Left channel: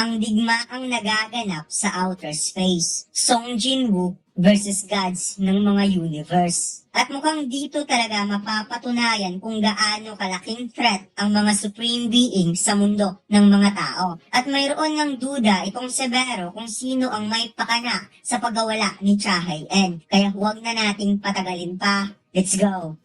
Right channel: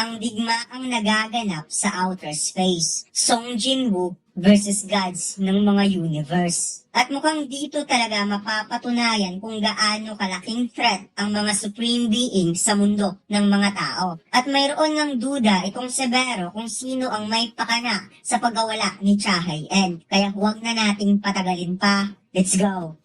ang digmaang nagaganap sa outer space. Song Jinwoo versus gods ng mga universe. At mukhang dito talaga mapapatunayan kung gaano kalaking threat ang mga supreme being sa mundo ng mga tao. At mayroon ng duda itong Severo kung sino ang may pakana sa pagkawala ni Chahay-en. Kaya huwag na nating patagalin pa. Let's go!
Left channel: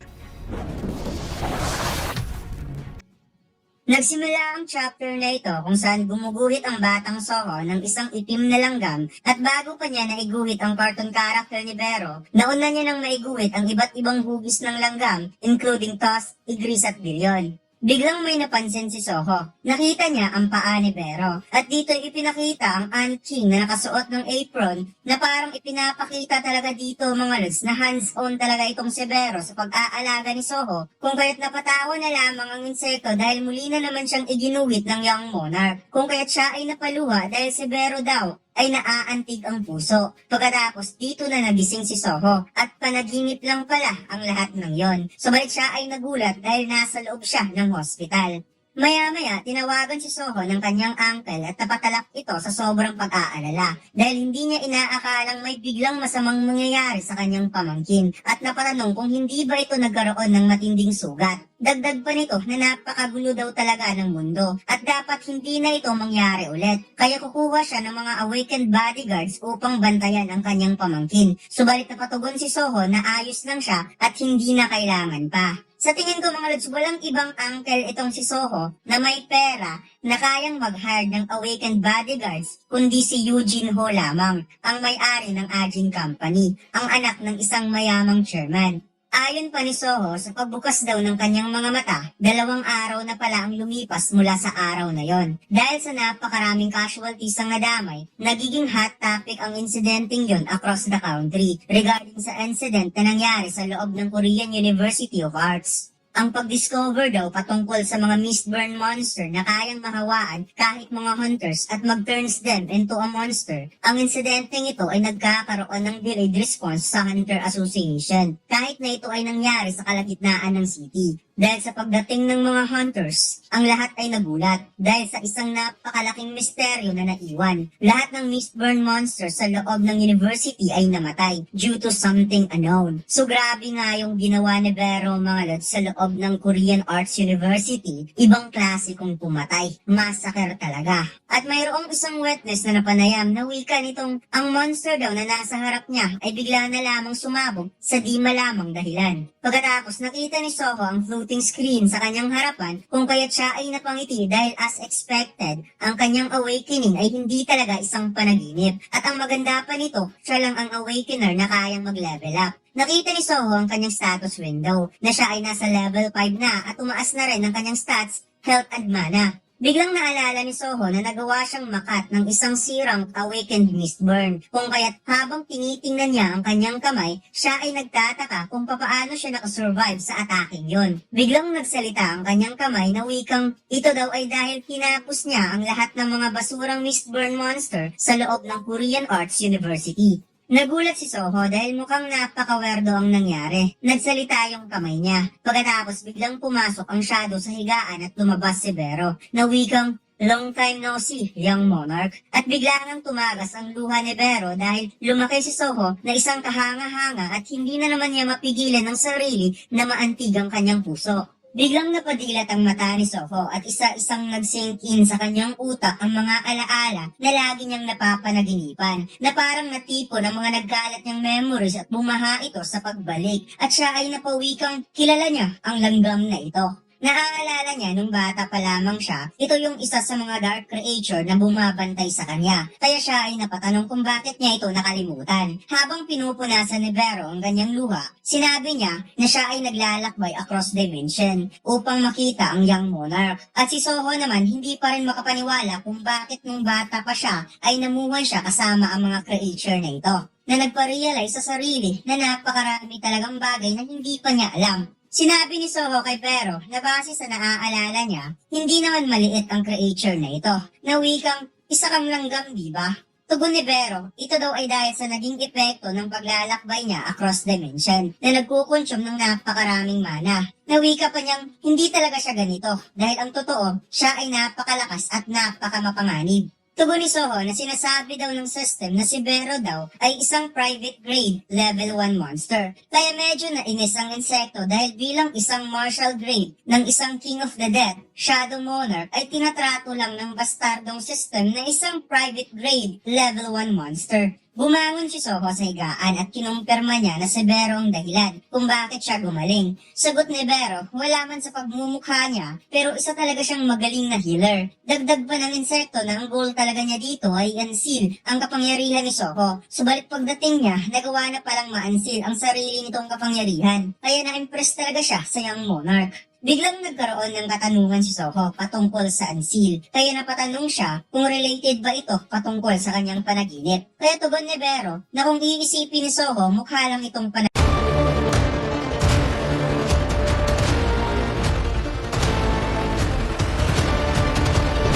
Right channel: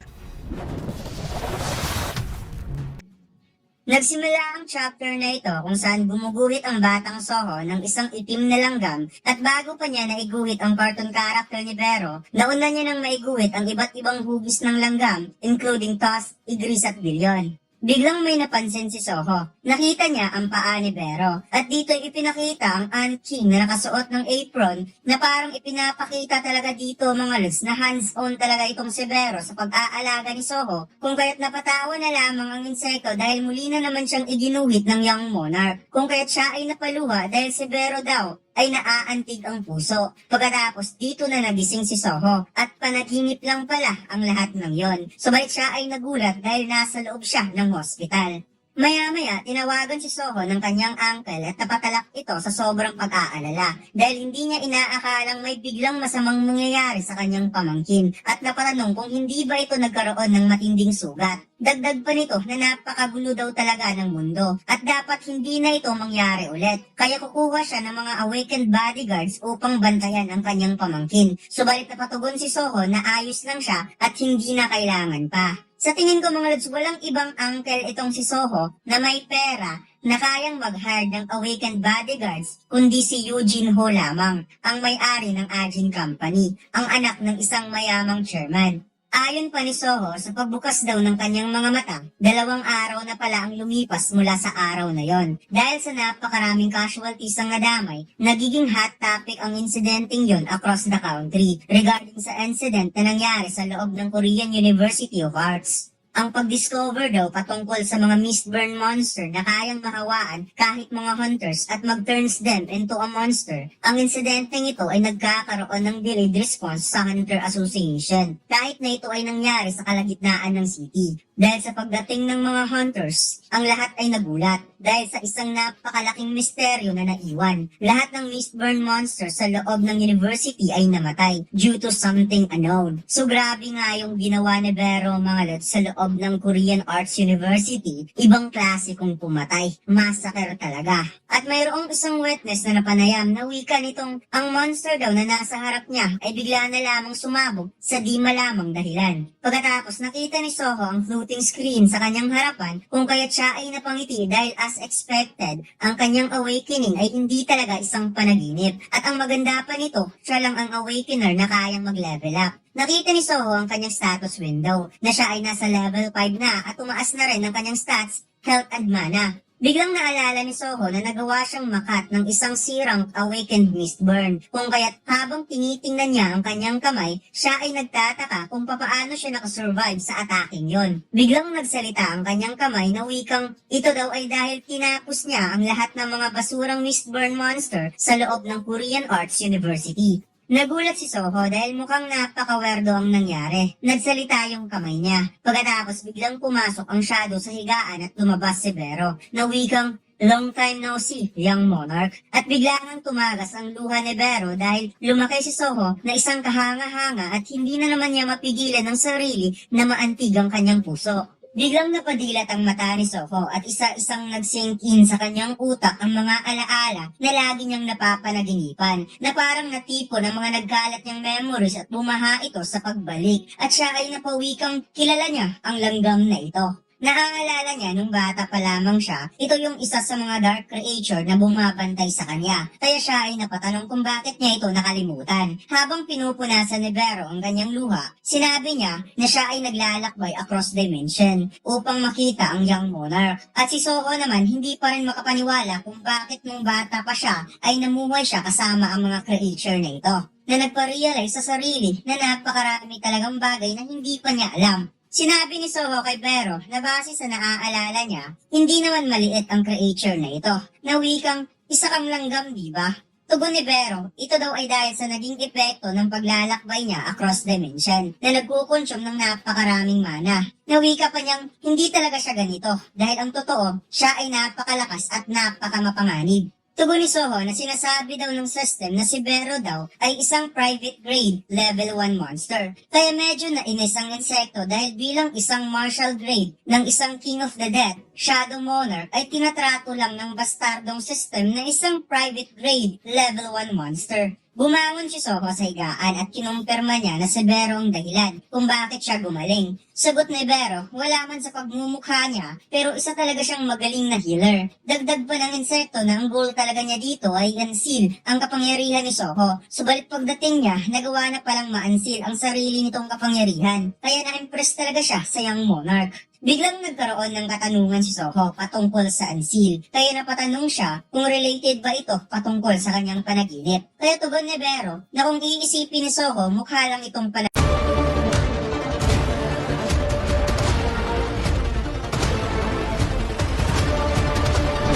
Nagsimula ang chapter na ito kung saan gumuguhit ang batang Soho ng isang itim na langgam at bago pa niya naiguhit ang cartoon character ni Vero, nauna niya nang maiguhit ang iba't ibang hugis ng langgam including toss, igris at bilyon. Biglang may napansin si Soho. Nakita niya ang paa ni Vero at dito ipinakita ang Ant King na nakasuot ng apron na parang ipinapakita talaga dito mga lods na hands-on talaga itong si Vero sa pag-aalaga ni Soho kung kaya't napatawa na lamang ang insekto dahil muli na naman siyang iginuhit ng young monarch. Kung kaya't siya ay napaluha dahil si Vero daw ay naaantig ang puso. Pagkatapos dito na nagising si Soho at panaginip lang pala ang lahat ng yon. Subalit siya ay nagulat dahil nasa loob siya ng hospital. Maya-maya, tinawagan si Soho ng kanyang uncle at napatalak ito sa sobrang pag-aalala dahil hindi niya inaakalang may biglang masamang mangyayari sa kanyang pamangkin at napatanong kung hindi ba ito nagkaroon ng matinding sugat. Dagdag pa nito na napakagulo daw talaga ng mundo at dapat hindi na ito mangyari ulit. Kaya kukuha siya ng mga awakened bodyguards upang bantayan ang kanyang pamangkin. Subalit napatugon si Soho na ayos lang siya at hindi na kailangan pa. Sa tingin ko mga lods, walang ibang uncle itong si Soho na may pera na kayang mag-hire ng awakened bodyguards kundi si Eugene Ho lamang, ang may-ari ng Ajin Company, ang anak ng isang mayamang chairman. Ayon pa ni Soho, sa pagbukas daw ng kanyang mga mata, 2 araw na pala ang lumipas mula sa araw na yon. Dahil sa napakaraming casualties ang nadamay, nagiging hot topic ang insidenteng yon across the country regarding sa incident na nangyari sa loob ng Korean University of Arts. Ang pag-discover daw patungkol sa mga Mistborn monster na kayang mahawaan kahit mga hunters at mag-turns them into a monster. Ang insidenteng ito ay nagkakaroon ng delayed response sa Hunter Association kahit na ito ay nangyari sa kalagitnaan ng city. Dahil sa pagdating ng mga hunters, ang lahat ay nagulat dahil sa isang napakalaking misteryo na naiwan. Lahat ng Mistborn monsters sa loob ng university ay namatay due to something unknown. So grabe nga yung ginawa ni Vero mga lods sa loob ng Korean Arts University. Ibang klase kung pumatay. Massacre talaga. At mayroong isang witness na napanayam na wika nitong ang monster daw na nasa harap niya ay bigla na lamang sumabog sa di malamang dahilan. Pagkatapos nakita ni Soho ang floating screen sa kanyang harapan kung kaya't siya ay napangiti dahil as expected, ang kanyang awakening ay hindi talaga isang panaginip. At ang maganda pa nito, siya lang ang awakener na kayang mag-level up. Nakita ni Soho ang kanyang status window na siya ay nasa level 5 na at tumaas na rin ang kanyang stats, health at mana. Biglang naalala ni Soho na nagawa siyang makat ng isang sirang awakened Mistborn. Kung kaya't habang tinitingnan niya ang kanyang kamay, siya ay nagtataka kung papaano siya nakasurvive sa ataking yon. Biglang nagsalita ang kanyang kamay na wikang ito daw ay dahil tinapos niya ang lahat ng mga basurang Mistborn monster sa loob ng Korean Arts University. Nagulat si Soho dahil mukhang napakawerdo ang nangyari. Nagsalita yung kamay niya. Pagkatapos biglang pumasok ang shadow sa higaan at lumabas si Vero na wikang long time no see, young monarch. At bigla nang tumagas ang luha ni Vero dahil lumaki si Soho na isang kahanga-hanga at hindi na naman niya mapigilan ng sarili na maantig ang kanyang puso. Biglang napadilat ang mata ni Soho at isa-isang nag-sink in sa kanyang utak ang mga alaala na lagi niyang napapanaginipan na parang natipo ng mga nagkalat niyang memories at bumaha ito sa pagbalik at siya ay napawikang kilala niya ang langgam na ito. Naaalala niya nung bata pa lamang siya, ito yung isa sa mga dark creature na bumabantay sa kanya. Kaya siya ay napatanong kung bakit niya ito nakalimutan. Habang pinupunasan ni Vero ang kanyang luha, sinabi niya na siya ay naglalakbay across dimension upang makita ang young monarch. At si Soho naman hindi pa rin makapaniwala kung bakit nung bata pa siya ay namuhay siya kasama ang mga creature na ito. Na nagpa-realize sa sarili na napakarami talagang bagay na hindi pa niya alam. Sinabi ni Soho kay Vero na base sa naaalala niya, hindi naman maliit ang creature na ito. Na wikang, isa kang langgam, di ba? Tugon ni Vero, ito daw ay dahil sa naging epekto ng paglalakbay niya across dimension na nagkukonsume ng napakaraming mana. Nawika pa niyang hindi talaga siya ganito dahil ang totoo, siya ay napakalakas at napakamapanganib. Tugon ni Soho na sinasabi daw ng system na si Vero daw ay isang private grade level 1 monster. Kaya medyo nainis ang insekto dahil bilang isang martial grade ng isang King of the Dead, Shadow Monarch ay tinatrato lang ng bastardong system na isang private grade level 1 monster. Bumangon si Soho sa higaan at kinumpirma niya na si Vero ang dahilan kung bakit siya gumaling. Sagot ni Vero, wala man sa pagmumukha niya, pero isa talaga siyang magaling na healer. Dagdag pa ng insekto na ang goal talaga niya dito ay unseal ang kapangyarihan ni Soho. Subalit pagdating niya, nagawa na palang ma-unseal ang sarili nitong kapangyarihan. Kaya na-impress talaga siya sa Young Monarch. Biglang nagkaroon ng katanungan si Soho patungkol sa unseal. Kaya napatanong siya kung related ba ito patungkol sa kanyang panaginip. Kaya tugon ni Vero na kung iisipin ni Soho, mukha lang itong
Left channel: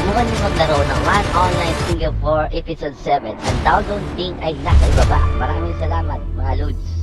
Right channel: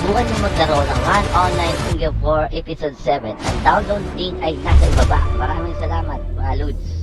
Subukan niyo maglaro ng One Online Single 4 Episode 7. Ang download link ay nasa ibaba. Maraming salamat, mga Lods.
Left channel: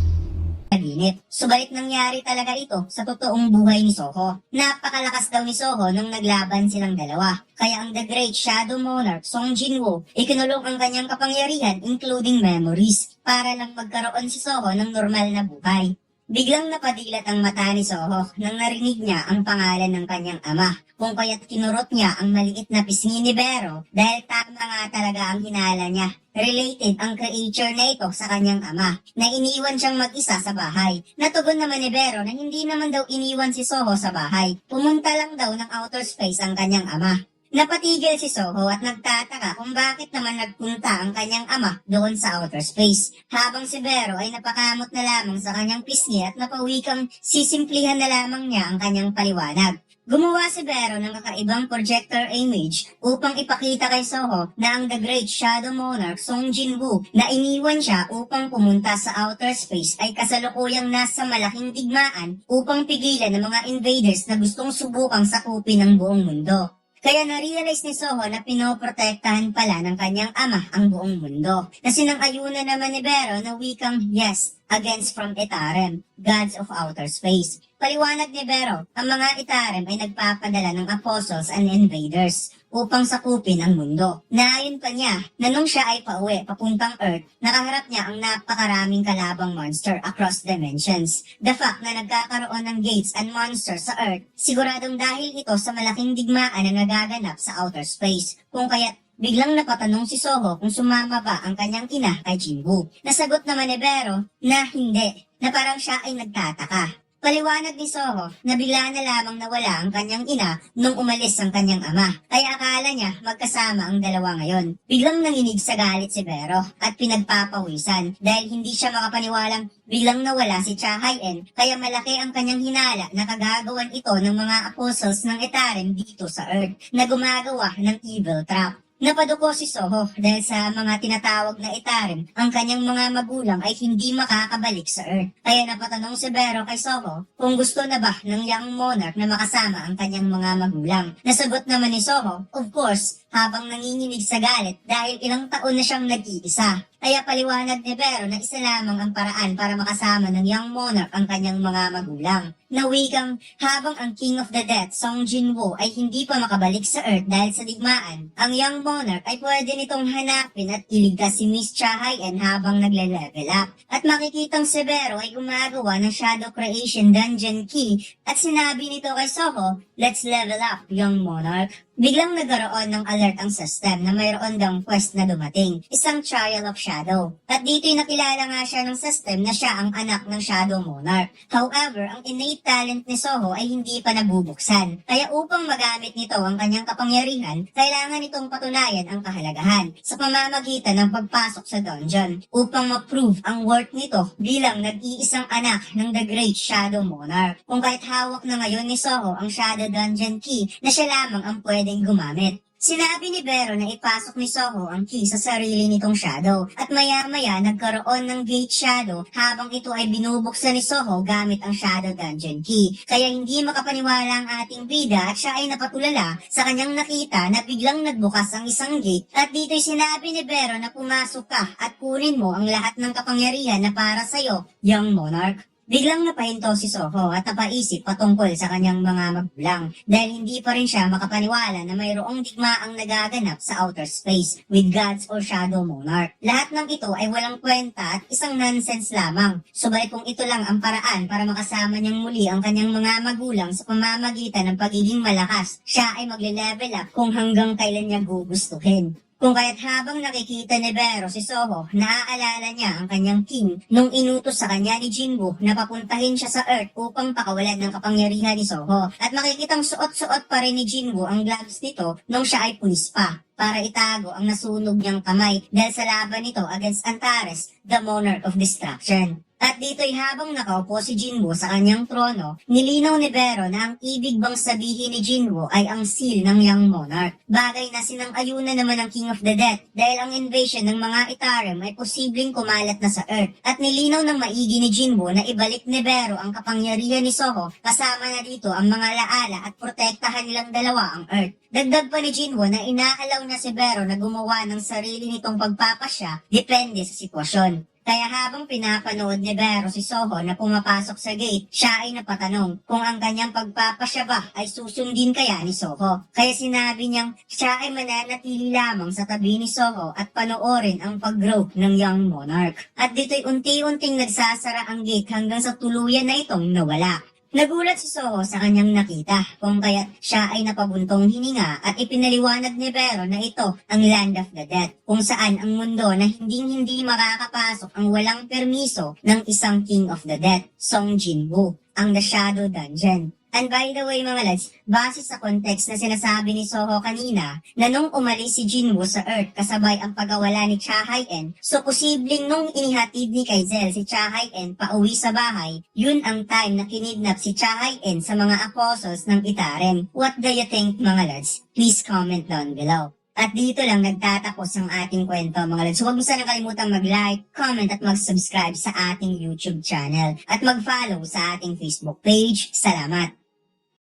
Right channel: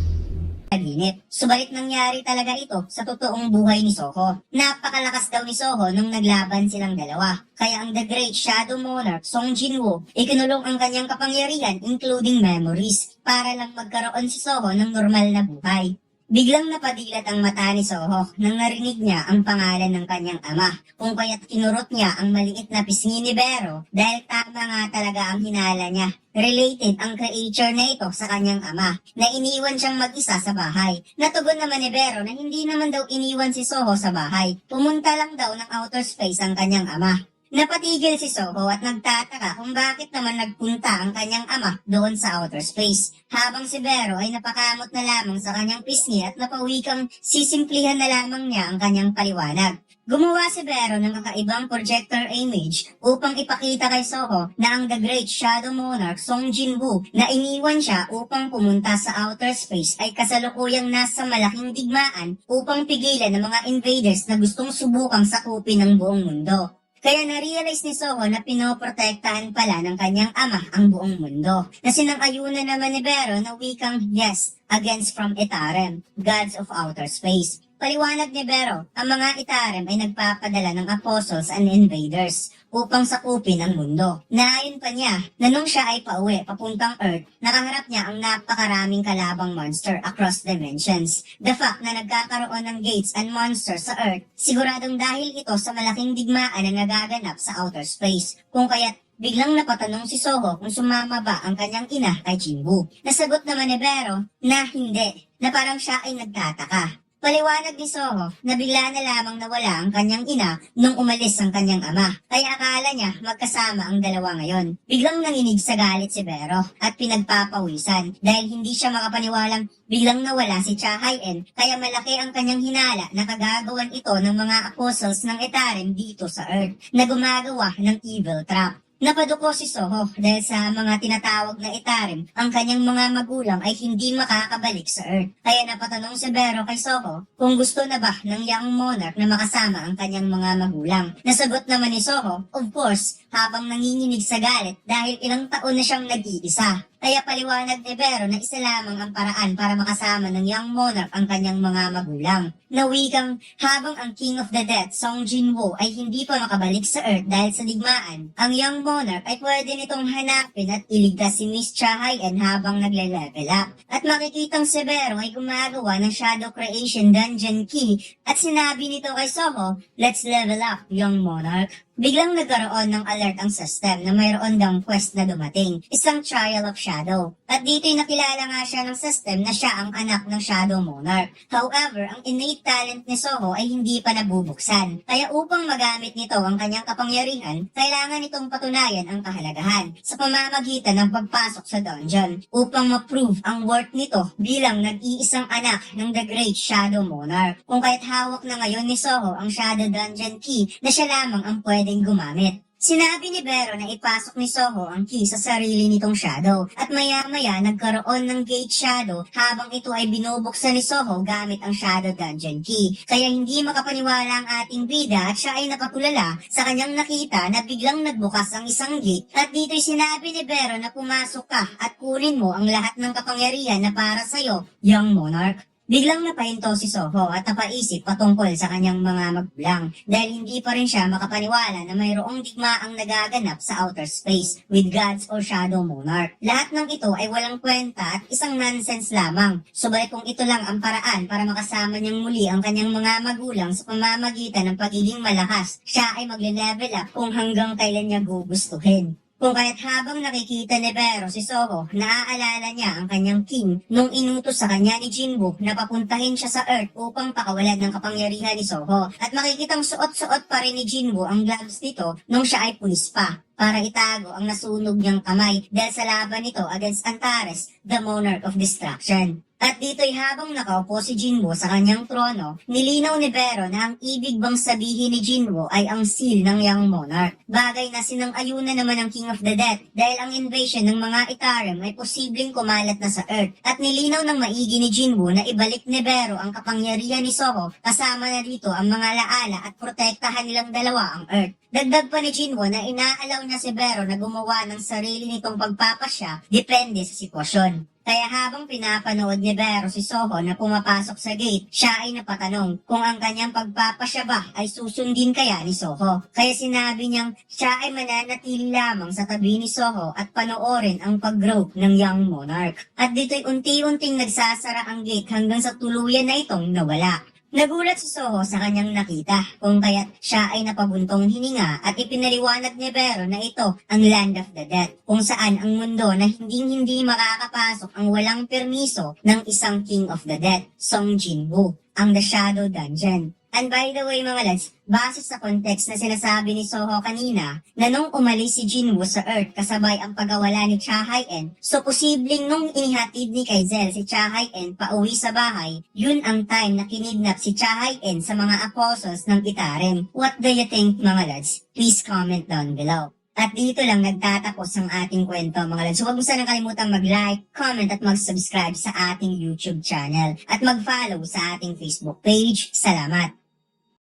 panaginip. Subalit nangyari talaga ito sa totoong buhay ni Soho. Napakalakas daw ni Soho nung naglaban silang dalawa. Kaya ang The Great Shadow Monarch, Song Jinwoo, ikinulong ang kanyang kapangyarihan including memories para lang magkaroon si Soho ng normal na buhay. Biglang napadilat ang mata ni Soho nang narinig niya ang pangalan ng kanyang ama, kung kaya't kinurot niya ang maliit na pisngi ni Vero dahil tama nga talaga ang hinala niya. Related ang creature na ito sa kanyang ama, na iniwan siyang mag-isa sa bahay. Natugon naman ni Vero na hindi naman daw iniwan si Soho sa bahay. Pumunta lang daw ng outer space ang kanyang ama. Napatigil si Soho at nagtataka kung bakit naman nagpunta ang kanyang ama doon sa outer space. Habang si Vero ay napakamot na lamang sa kanyang pisngi at napawikang sisimplihan na lamang niya ang kanyang paliwanag. Gumawa si Vero ng kakaibang projector image upang ipakita kay Soho na ang The Great Shadow Monarch Song Jinwoo na iniwan siya upang pumunta sa outer space ay kasalukuyang nasa malaking digmaan upang pigilan ng mga invaders na gustong subukang sakupin ang buong mundo. Kaya na-realize ni Soho na pinoprotektahan pala ng kanyang ama ang buong mundo. Na sinang-ayunan naman ni Vero na wikang yes against from Etarem, gods of outer space. Paliwanag ni Vero, ang mga Etarem ay nagpapadala ng apostles and invaders upang sakupin ang mundo. Naayon pa niya na nung siya ay pauwi papuntang Earth, nakaharap niya ang napakaraming kalabang monster across dimensions. The fact na nagkakaroon ng gates and monsters sa Earth, siguradong dahil ito sa malaking digmaan na nagaganap sa outer space. Kung kaya't biglang napatanong si Soho kung sumama ba ang kanyang ina kay Jinwoo. Nasagot naman ni Vero na hindi, na parang siya ay nagtataka. Paliwanag ni Soho na bigla na lamang nawala ang kanyang ina nung umalis ang kanyang ama. Kaya akala niya magkasama ang dalawa ngayon. Biglang nanginig sa galit si Vero at pinagpapawisan dahil hindi siya makapaniwalang biglang nawala si Cha Haien. Kaya malaki ang kanyang hinala na kagagawan ito ng mga apostles ng Etarem dito sa Earth na gumagawa ng evil trap. Napaduko si Soho dahil sa mga tinatawag na Etarem, ang kanyang mga magulang ay hindi makakabalik sa Earth. Kaya napatanong si Vero kay Soho kung gusto na ba ng Young Monarch na makasama ang kanyang mga magulang. Nasagot naman ni Soho, of course, habang nanginginig sa galit dahil ilang taon na siyang nag-iisa. Kaya paliwanag ni Vero na isa lamang ang paraan para makasama ng Young Monarch ang kanyang mga magulang. Na wikang habang ang King of the Dead, Song Jinwoo, ay hindi pa makabalik sa Earth dahil sa digmaan, ang Young Monarch ay pwede nitong hanapin at iligtas si Miss Cha Haien habang nagle-level up. At makikitang si Vero ay gumagawa ng Shadow Creation Dungeon Key at sinabi nito kay Soho, let's level up, Young Monarch. Biglang nagkaroon ng alert ang system na mayroon daw quest na dumating, isang Trial of Shadow. At dito'y nakilala nga siya ng system na siya ang anak ng Shadow Monarch. However, ang innate talent ni Soho ay hindi pa nabubuksan. Kaya upang magamit nito ang kanyang kapangyarihan, kailangan itong patunayan ang kahalagahan sa pamamagitan ng pagpasok sa dungeon upang ma-prove ang worth nito bilang nag-iisang anak ng The Great Shadow Monarch. Kung kahit hawak na ngayon ni Soho ang Shadow Dungeon Key na siya lamang ang pwedeng gumamit. Sinabi ni Vero na ipasok ni Soho ang key sa sarili nitong Shadow at maya-maya nagkaroon ng Gate Shadow habang ito ay binubuksan ni Soho gamit ang Shadow Dungeon Key. Kaya hindi makapaniwala ang ating bida at siya ay napatulala sa kanyang nakita na biglang nagbukas ang isang gate at dito'y sinabi ni Vero na pumasok ka at kunin mo ang lahat ng kapangyarihan na para sa'yo, Young Monarch. Biglang napahinto si Soho at napaisip patungkol sa kanyang mga magulang dahil hindi pa rin siya makapaniwala na mayroong digmaang nagaganap sa outer space with gods or shadow monarch. Lahat ng ito ay walang kwenta at isang nonsense lamang. Subalit kung ito lang ang paraan para makasama niyang muli ang kanyang mga magulang sa pamamagitan ng pagiging malakas, siya ay magle-level up kung hanggang kailan niya gugustuhin. Kung kaya't habang nakikita ni Vero si Soho, naaalala niya ang kanyang king nung inutos sa kanya ni Jinwoo na papuntahin siya sa Earth upang pakawalan ng kapangyarihan ni Soho. At makikitang suot-suot pa rin ni Jinwoo ang gloves nito nung siya ay pulis pa para itago ang nasunog niyang kamay dahil sa laban nito against Antares, the Monarch of Destruction. At dito'y habang nakaupo si Jinwoo sa kanyang trono, nilinaw ni Vero na ang ibig bang sabihin ni Jinwoo ay ang seal ng Young Monarch. Bagay na sinang-ayunan naman ng King of the Dead dahil ang invasion ng mga Itarim ay posibleng kumalat na sa Earth. At nilinaw ng maigi ni Jinwoo na ibalik ni Vero ang kapangyarihan ni Soho kasama na dito ang mga laala at protektahan nilang dalawa ang Earth. Dagdag pa ni Jinwoo na inaalaw na si Vero na gumawa ng sarili nitong pagpapasya depende sa sitwasyon. Kaya habang pinapanood ni Vero si Soho na pumapasok sa gate, siya ay napatanong kung ang kanyang pagpapasya ba ay susundin kaya ni Soho. Kaya sinabi niyang siya ay mananatili lamang sa tabi ni Soho at panoorin ang pag-grow ng Young Monarch. At dito'y unti-unting nagsasara ang gate hanggang sa tuluyan na itong nawala. Nagulat si Soho sa kanyang nakita kung kaya't siya ay napabuntong hininga at ipinaliwanag ni Vero na ito ang Land of the Dead kung saan ang mundo na hindi makakapasok ang walang permiso ng isang King of the Dead, Song Jinwoo, ang The Shadow Dungeon. And by the way mga lads, base sa context na sinasabi ni Soho kanina, na nung umalis si Jinwoo sa Earth kasabay ang pagkawala ni Cha Hae-in, so posibleng nung inihatid ni Kaizel si Cha Hae-in pauwi sa bahay, yun ang time na kinidnap si Cha Hae-in sa mga apostles ng Itarim. What do you think mga lads? Please comment down below. At dito lang nagtatapos ang ating kwento mga lads. So huwag mo sanang kalimutan mag-like, comment at mag-subscribe sa ating YouTube channel. At mag-follow sa ating Facebook page. Salamat!